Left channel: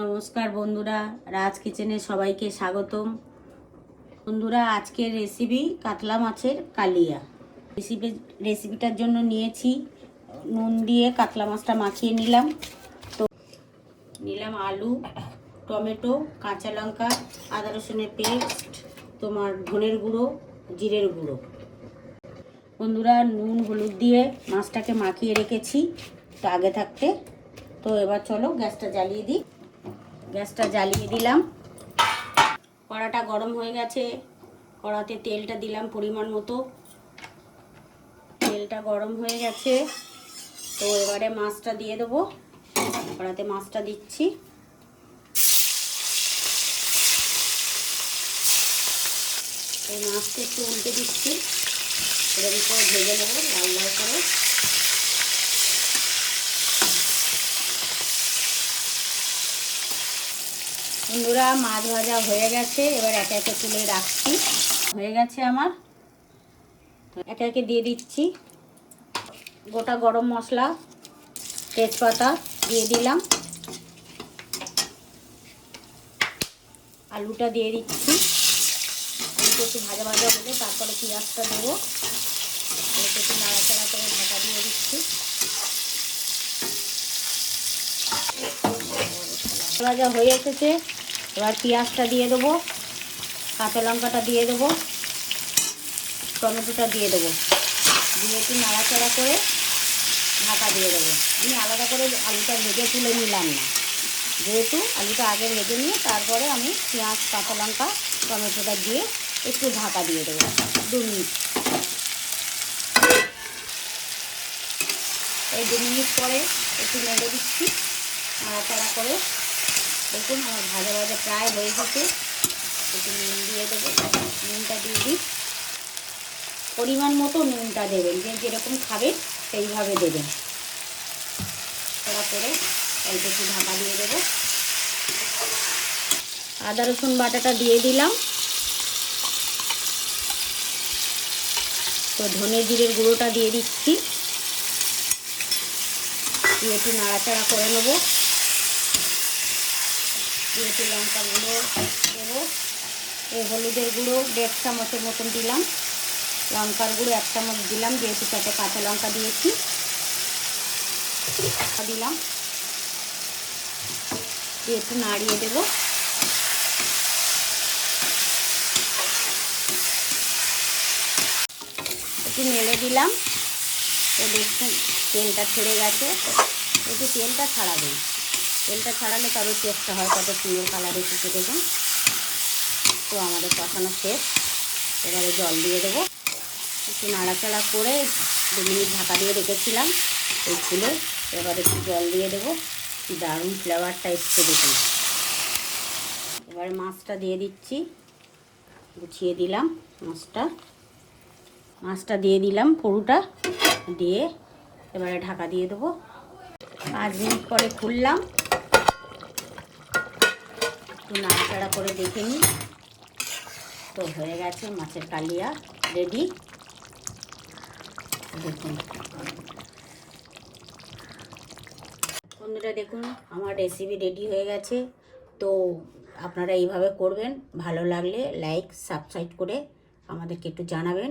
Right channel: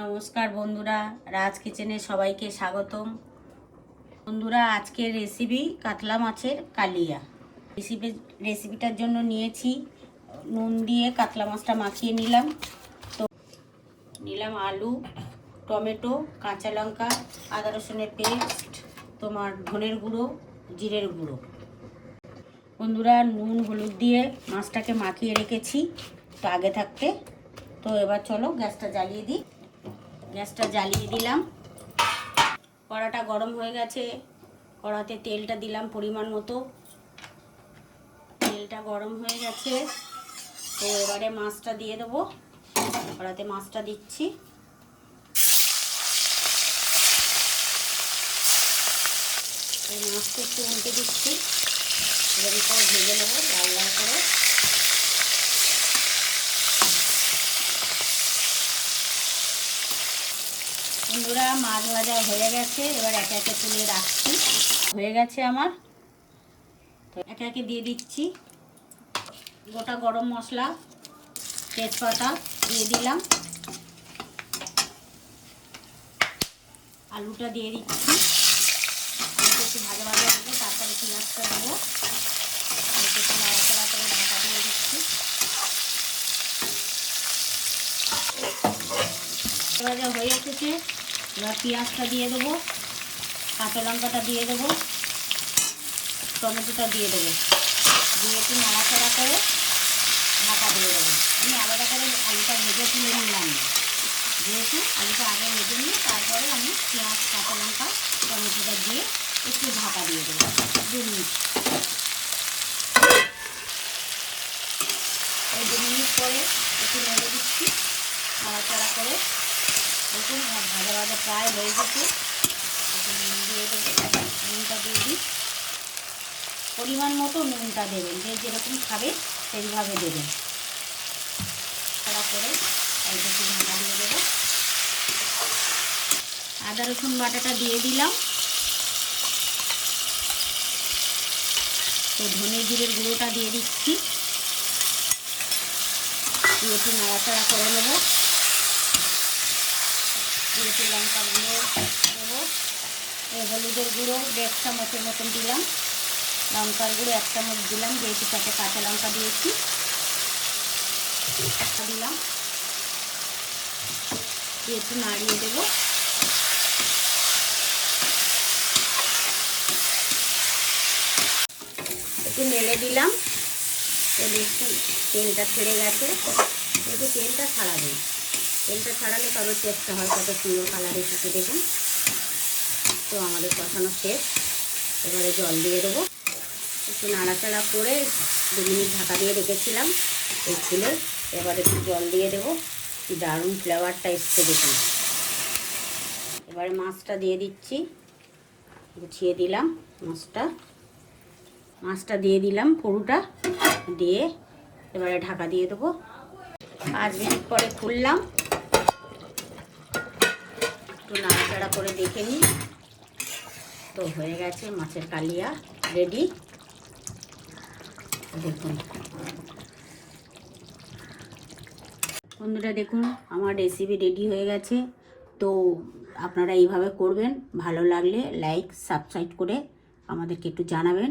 নমস্কার বন্ধুরা, রাজ কিচেনে সবাইকে স্বাগতম। বন্ধুরা, আজকের রেসিপি কাতলা মাছের কালিয়া। রেসিপিটার জন্য নিয়েছি নুন দিয়ে কাতলা মাছটা মাখিয়ে নিলাম। তো নিলাম আলু, টমেটো, কাঁচা লঙ্কা, আদা রসুনের পেস্ট, তোমার ধনের গুঁড়ো, জিরের গুঁড়ো। বন্ধুরা, নুন হলুদ দিয়ে মাছটাকে মাখিয়ে রেখেছি তো আগে থাকতে। তো এবার চলো গ্যাসটা জ্বালিয়ে দিই। গ্যাসটা জ্বালিয়ে দিলাম। কড়াটা গরম হয়ে গেছে। কড়াতে তেলটা দিলাম পরিমাণ মতো। তেলটা গরম হয়ে গেছে, তো এবারে মাছটা দিয়ে দেবো। কড়াতে মাছটা দিচ্ছি। এই মাছটা একটু উল্টে দিচ্ছি। এবার করে ভেজে নেবো লাল লাল করে। বন্ধুরা, মাছ ভাজা হয়ে গেছে। এবার একে একে তুলে রাখছি। হয়ে গেছে আমার। একে একে দিয়ে দিচ্ছি গোটা গরম মশলা, তেজপাতা দিয়ে দিলাম। আলুটা দিয়ে দিচ্ছি। আলুটা একটু ভাজা ভাজা দেবো, তারপরে পেঁয়াজটা দেবো। আলুটা একটু নাড়াচাড়া করে ঢাকা দিয়ে দিচ্ছি। ভাজা হয়ে এসেছে। এবার পেঁয়াজটা দিয়ে দেবো, কাঁচা লঙ্কাটা দিয়ে দেবো, টমেটোটা দিয়ে দেবো। দিয়ে একটু নাড়াচাড়া করে ঢাকা দিয়ে দেবো। আমি আলাদা করে আলুটা ভেজে তুলে নিলাম না, যেহেতু আলুটা আগে ভেজে নিয়ে তারপরে আমি পেঁয়াজ, কাঁচা লঙ্কা, টমেটোটা দিয়ে একটু ঢাকা দিয়ে দেবো 2 মিনিট। এই 2 মিনিট পরে একটু নেড়ে দিচ্ছি নাড়াচাড়া করে। দেখুন আমার ভাজা ভাজা প্রায় হয়ে গেছে। একটু নুন দিয়ে দেবো। নুনটা দিয়ে দিই। পরিমাণ মতো নুনটা দেবেন, যে যেরকম খাবে সেইভাবে দেবেন। করে অল্প একটু ঢাকা দিয়ে দেবো। আদা রসুন বাটাটা দিয়ে দিলাম। তো ধনে জিরের গুঁড়োটা দিয়ে দিচ্ছি। দিয়ে একটু নাড়াচাড়া করে নেবো। দিয়ে একটু লঙ্কা গুঁড়ো দেবো। এই হলুদের গুঁড়ো 1.5 চামচের মতন দিলাম। লঙ্কার গুঁড়ো 1 চামচ দিলাম, যেহেতু সাথে কাঁচা লঙ্কা দিয়েছি। দিলাম, দিয়ে একটু নাড়িয়ে দেবো। একটু নেড়ে দিলাম। তো দেখুন তেলটা ছেড়ে গেছে। একটু তেলটা ছাড়াবেন। তেলটা ছাড়ালে তবে টেস্টটা হয়, কত সুন্দর কালার এসেছে দেখুন। তো আমাদের কষানো শেষ। এবারে জল দিয়ে দেবো। একটু নাড়াচাড়া করে 2 মিনিট ঢাকা দিয়ে রেখেছিলাম এই ফুলে। এবারে একটু জল দিয়ে দেবো। কি দারুণ ফ্লেভারটা এসছে দেখুন। এবারে মাছটা দিয়ে দিচ্ছি। গুছিয়ে দিলাম মাছটা দিয়ে দিলাম পুরোটা দিয়ে। এবারে ঢাকা দিয়ে দেবো। 5 মিনিট পরে খুললাম। একটু নাড়াচাড়া করে দেখে নিই। তো হয়ে গেছে মাছের কালিয়া রেডি। দেখুন বন্ধুরা, দেখুন আমার রেসিপি রেডি হয়ে গেছে। তো আপনারা এইভাবে করবেন। ভালো লাগলে লাইক সাবস্ক্রাইব করে আমাদেরকে একটু জানাবেন।